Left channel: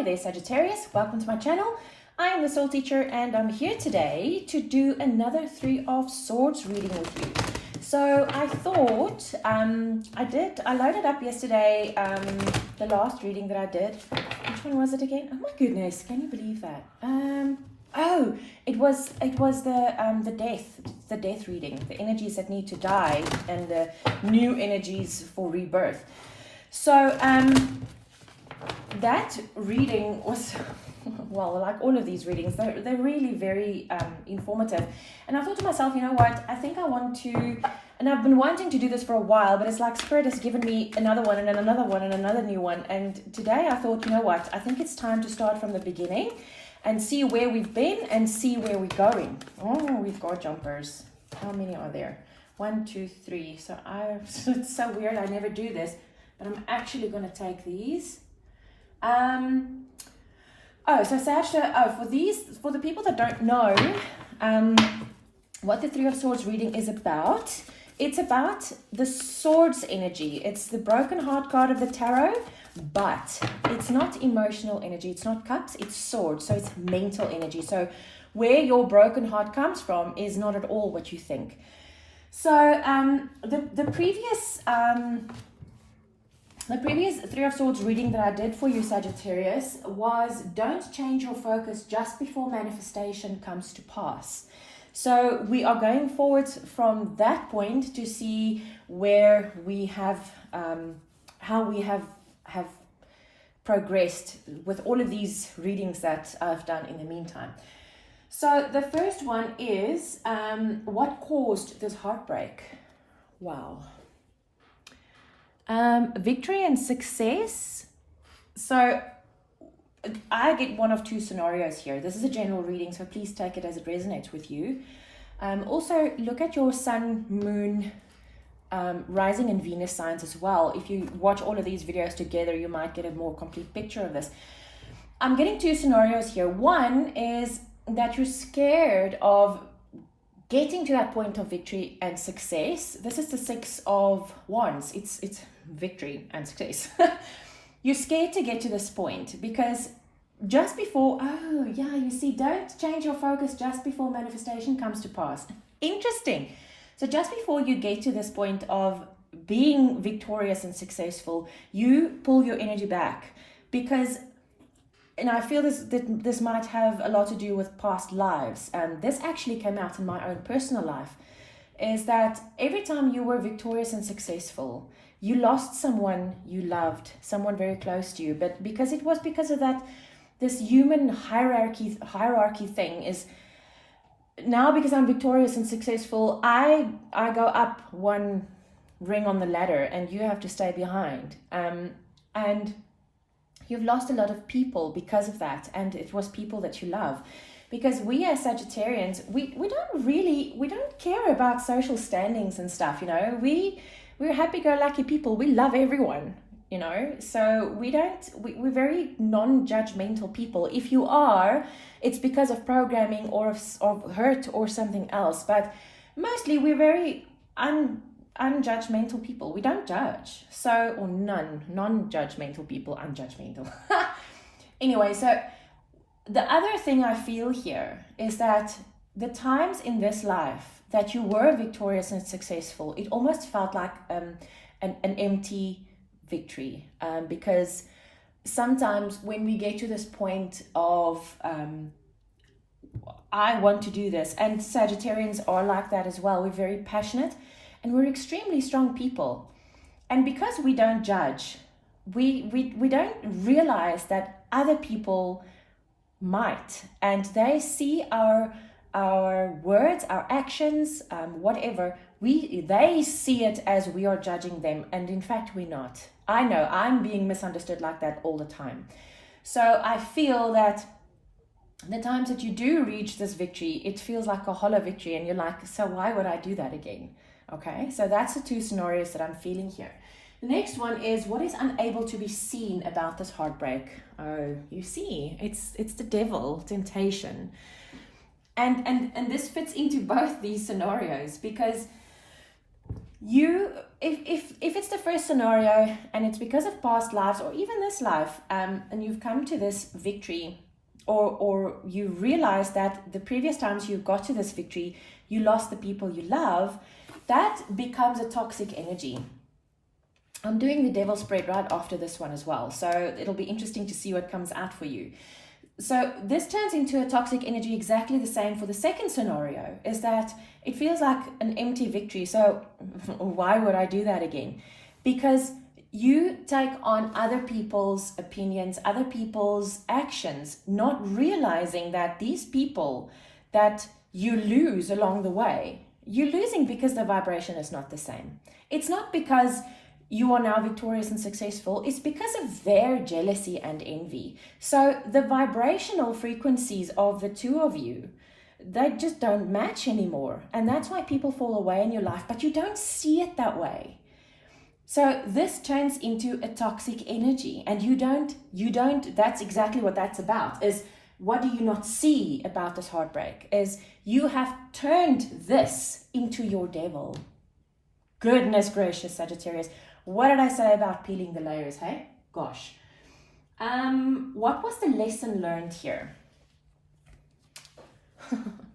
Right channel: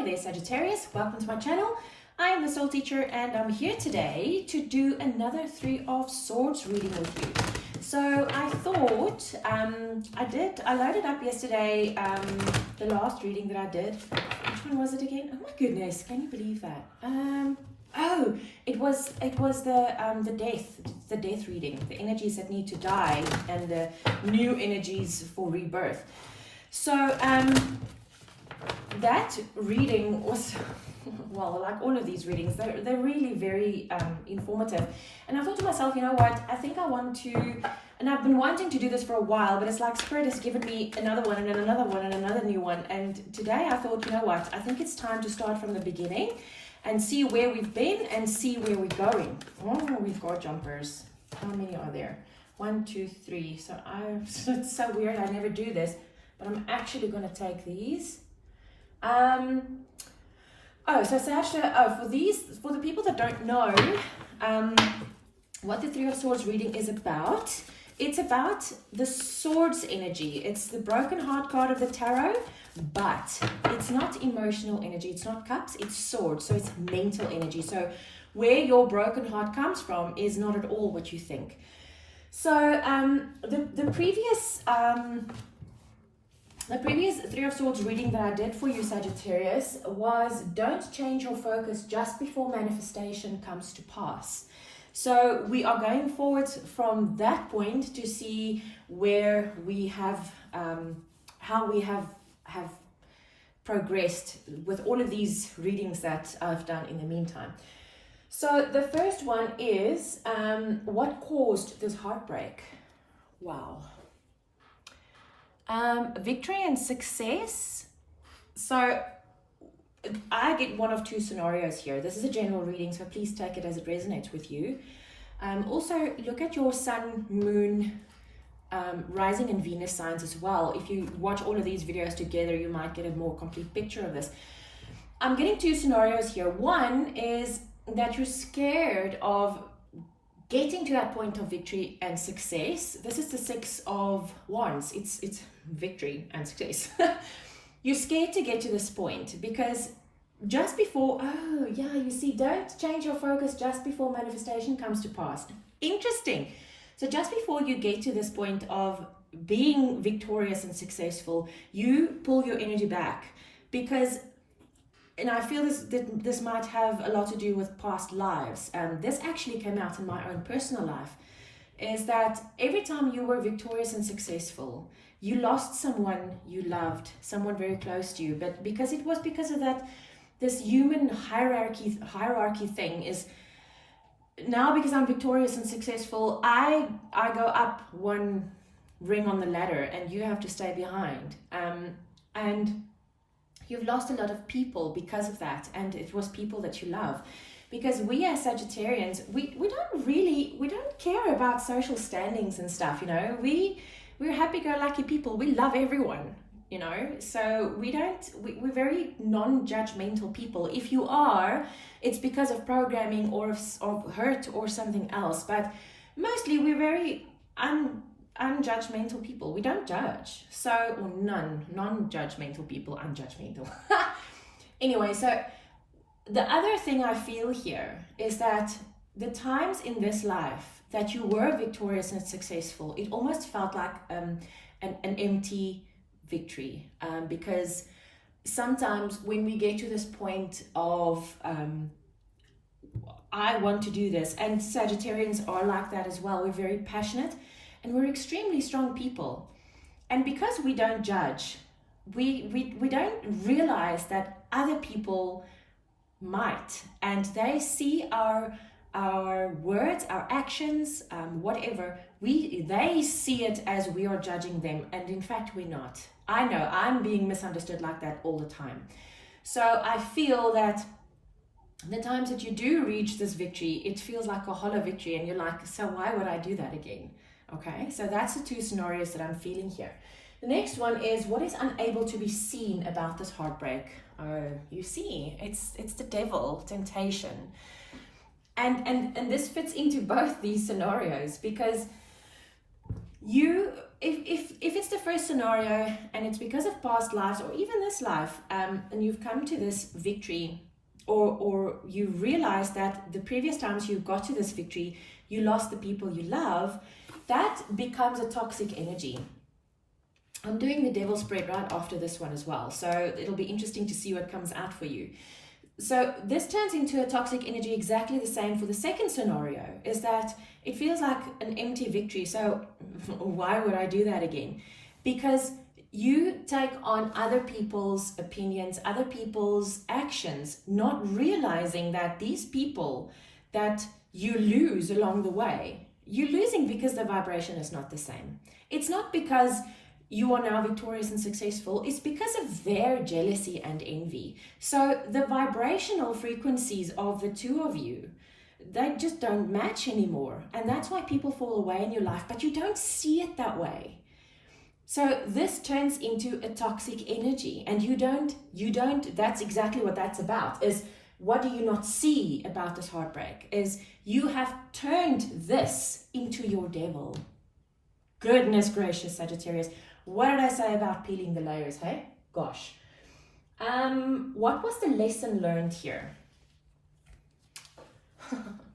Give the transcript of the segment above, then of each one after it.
Hi there, Sagittarius. Welcome to my channel. I am the Soul Teacher and I'm here today to do another Three of Swords reading with you. So I thought, I loaded up yesterday the last reading that I did. Which one was it again? Oh my goodness, can you believe that? It was the death reading, the energies that need to die and the new energies for rebirth. So that reading was, well, like all of these readings, they're really very informative. And I thought to myself, you know what, I think I want to, and I've been wanting to do this for a while, but it's like Spirit has given me another one and then another one and another new one. And today I thought, you know what, I think it's time to start from the beginning and see where we've been and see where we're going. Oh, we've got jumpers. How many are there? 1, 2, 3. So it's so weird, I never do this, but I'm actually going to take these. For the people that don't know what the Three of Swords reading is about, it's about the swords energy. It's the broken heart card of the tarot, but it's not emotional energy. It's not cups, it's swords. So it's mental energy. So where your broken heart comes from is not at all what you think. So the previous Three of Swords reading that I did for you, Sagittarius, was don't change your focus just before manifestation comes to pass. So we are going forward from that point to see where we have, how we have progressed with all of these readings that I've done in the meantime. So the first one is, what caused this heartbreak? Wow. Victory and success. So I get one of two scenarios here. This is a general reading, so please take it as it resonates with you. Also, look at your sun, moon, rising and Venus signs as well. If you watch all of these videos together, you might get a more complete picture of this. I'm getting two scenarios here. One is that you're scared of getting to that point of victory and success. This is the Six of Wands. It's victory and success. You're scared to get to this point because just before, you see, don't change your focus just before manifestation comes to pass. Interesting. So just before you get to this point of being victorious and successful, you pull your energy back because, and I feel this might have a lot to do with past lives. And this actually came out in my own personal life, is that every time you were victorious and successful, you lost someone you loved, someone very close to you. But because it was because of that, this human hierarchy thing is, now because I'm victorious and successful, I go up one ring on the ladder and you have to stay behind. And you've lost a lot of people because of that, and it was people that you love. Because we as Sagittarians, we don't care about social standings and stuff, you know. We're happy-go-lucky people. We love everyone, you know. So we're very non-judgmental people. If you are, it's because of programming or of hurt or something else. But mostly we're very unjudgmental people. We don't judge. So, or non-judgmental people, unjudgmental. Anyway, so the other thing I feel here is that the times in this life that you were victorious and successful, it almost felt like an empty victory. Because sometimes when we get to this point of, I want to do this, and Sagittarians are like that as well. We're very passionate and we're extremely strong people. And because we don't judge, we don't realize that other people might, and they see our words, our actions, whatever, they see it as we are judging them, and in fact we're not. I know I'm being misunderstood like that all the time. So I feel that the times that you do reach this victory, it feels like a hollow victory, and you're like, so why would I do that again? Okay, so that's the two scenarios that I'm feeling here. The next one is, what is unable to be seen about this heartbreak? Oh, you see, it's the devil, temptation. And this fits into both these scenarios, because you if it's the first scenario and it's because of past lives or even this life, and you've come to this victory, or you realize that the previous times you got to this victory, you lost the people you love, that becomes a toxic energy. I'm doing the devil spread right after this one as well, so it'll be interesting to see what comes out for you. So this turns into a toxic energy, exactly the same for the second scenario, is that it feels like an empty victory. So why would I do that again? Because you take on other people's opinions, other people's actions, not realizing that these people that you lose along the way, you're losing because the vibration is not the same. It's not because you are now victorious and successful, it's because of their jealousy and envy. So the vibrational frequencies of the two of you, they just don't match anymore. And that's why people fall away in your life, but you don't see it that way. So this turns into a toxic energy, and you don't, that's exactly what that's about, is what do you not see about this heartbreak, is you have turned this into your devil. Goodness gracious, Sagittarius. What did I say about peeling the layers, hey? Gosh. What was the lesson learned here?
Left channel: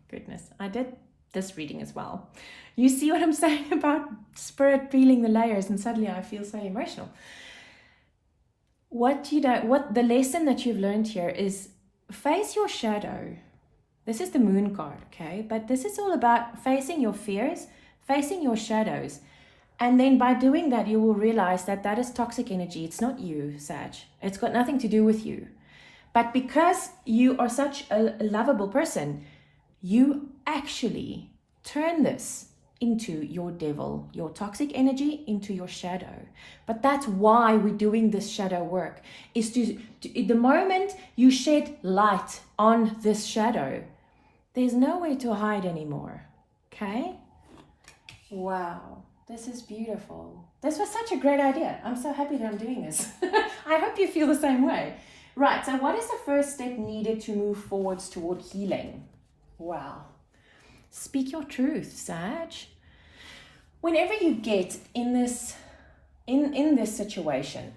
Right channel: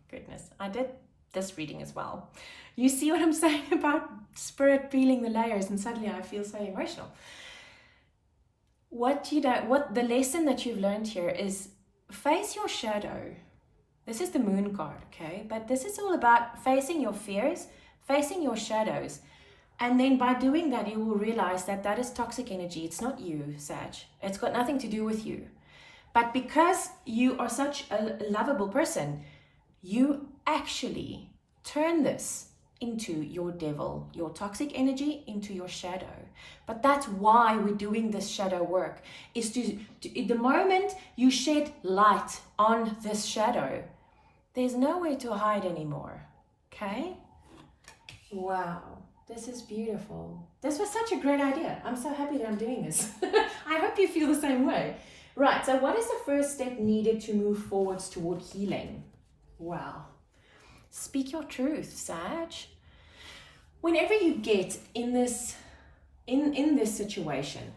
Goodness, I did this reading as well. You see what I'm saying about spirit peeling the layers, and suddenly I feel so emotional. What the lesson that you've learned here is face your shadow. This is the moon card, okay? But this is all about facing your fears, facing your shadows. And then by doing that, you will realize that that is toxic energy. It's not you, Sag. It's got nothing to do with you. But because you are such a lovable person, you actually turn this into your devil, your toxic energy into your shadow. But that's why we're doing this shadow work, is to the moment you shed light on this shadow, there's nowhere to hide anymore. Okay? Wow. This is beautiful. This was such a great idea. I'm so happy that I'm doing this. I hope you feel the same way. Right, so what is the first step needed to move forwards toward healing? Wow. Speak your truth, Sag. Whenever you get in this situation,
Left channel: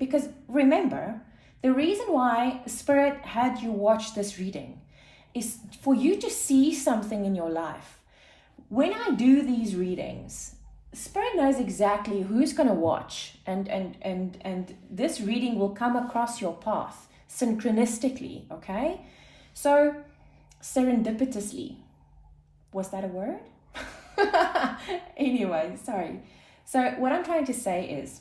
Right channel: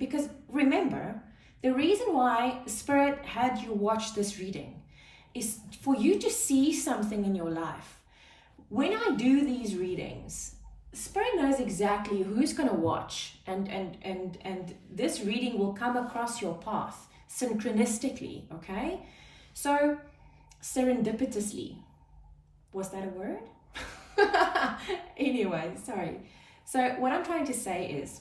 because remember, the reason why Spirit had you watch this reading is for you to see something in your life. When I do these readings, Spirit knows exactly who's going to watch, and this reading will come across your path synchronistically, okay? So, serendipitously. Was that a word? Anyway, sorry. So, what I'm trying to say is,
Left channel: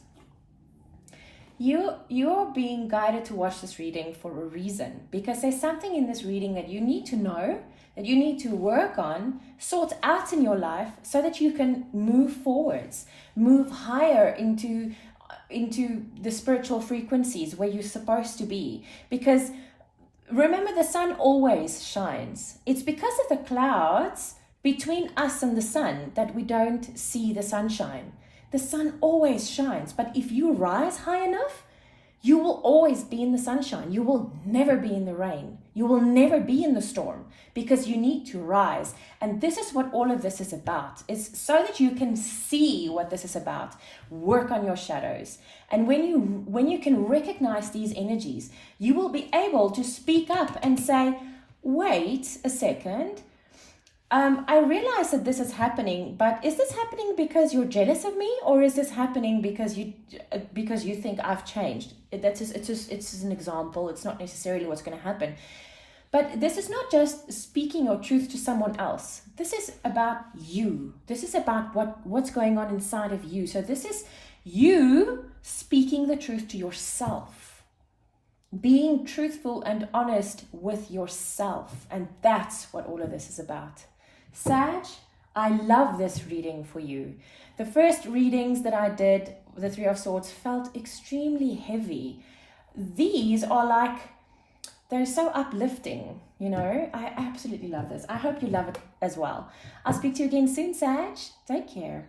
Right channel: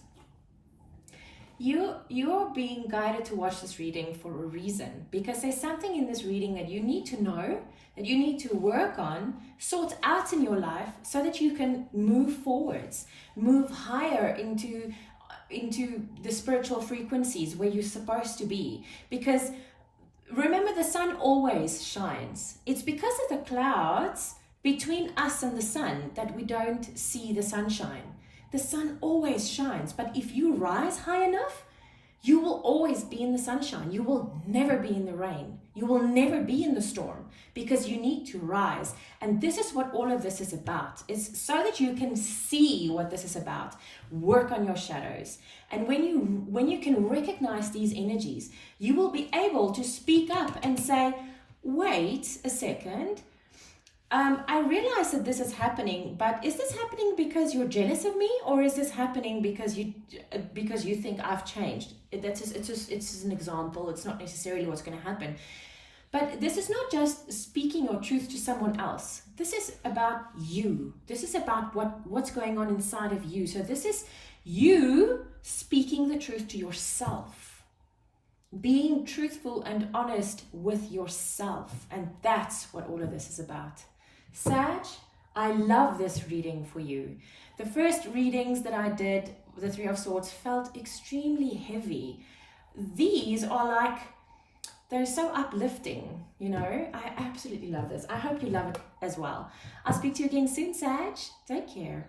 you're being guided to watch this reading for a reason, because there's something in this reading that you need to know, that you need to work on, sort out in your life, so that you can move forwards, move higher into the spiritual frequencies where you're supposed to be. Because remember, the sun always shines. It's because of the clouds between us and the sun that we don't see the sunshine. The sun always shines, but if you rise high enough, you will always be in the sunshine. You will never be in the rain. You will never be in the storm, because you need to rise. And this is what all of this is about. It's so that you can see what this is about. Work on your shadows. And when you can recognize these energies, you will be able to speak up and say, wait a second. I realize that this is happening, but is this happening because you're jealous of me, or is this happening because you think I've changed? It's just an example. It's not necessarily what's going to happen. But this is not just speaking your truth to someone else. This is about you. This is about what's going on inside of you. So this is you speaking the truth to yourself. Being truthful and honest with yourself. And that's what all of this is about. Sag, I love this reading for you. The first readings that I did, the Three of Swords, felt extremely heavy. These are like, they're so uplifting, you know. I absolutely love this. I hope you love it as well. I'll speak to you again soon, Sag. Take care.